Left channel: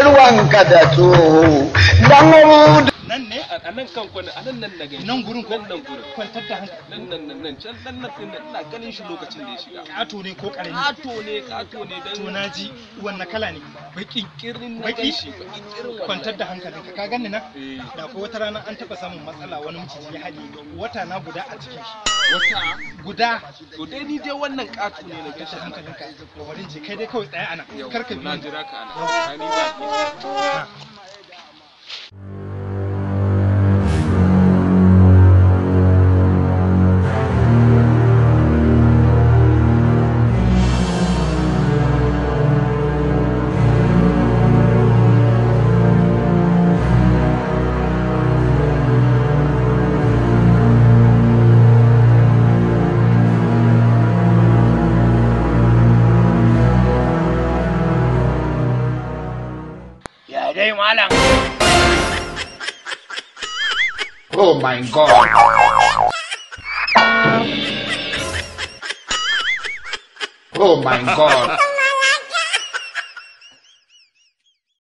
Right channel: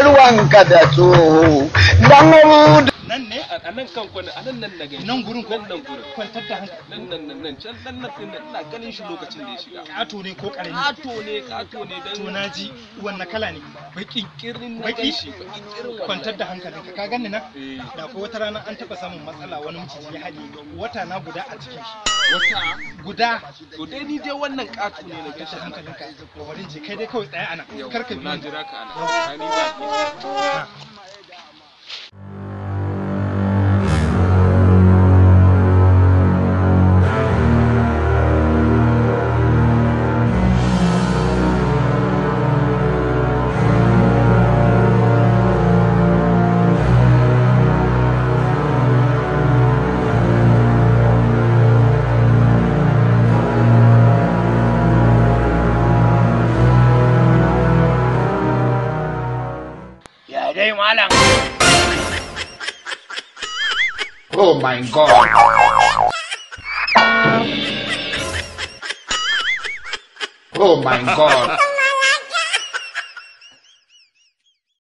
ina ruwanka da tsoho dan nan ne a nan kan kwana a nan na gani nan gurin ko nan gurin kwantar da hankali nan can nan ina ganin shi lokacin da ya shiga kato ne ko karami kato ne dan to naji wanne kala ne baki kirin na baki shi baki kirin kwantar da hankalinka ka ganni nan da ko wata rana an taba samun matsala wani miciji ya haɗe wata na guda a cikin shi wata guda to dai ni dai wannan kato ne na gashi hankalinka bari je kai dai kawai tsaya ana karka bi na jira ka ana ni ba dai malam. Oh my god. Oh my god.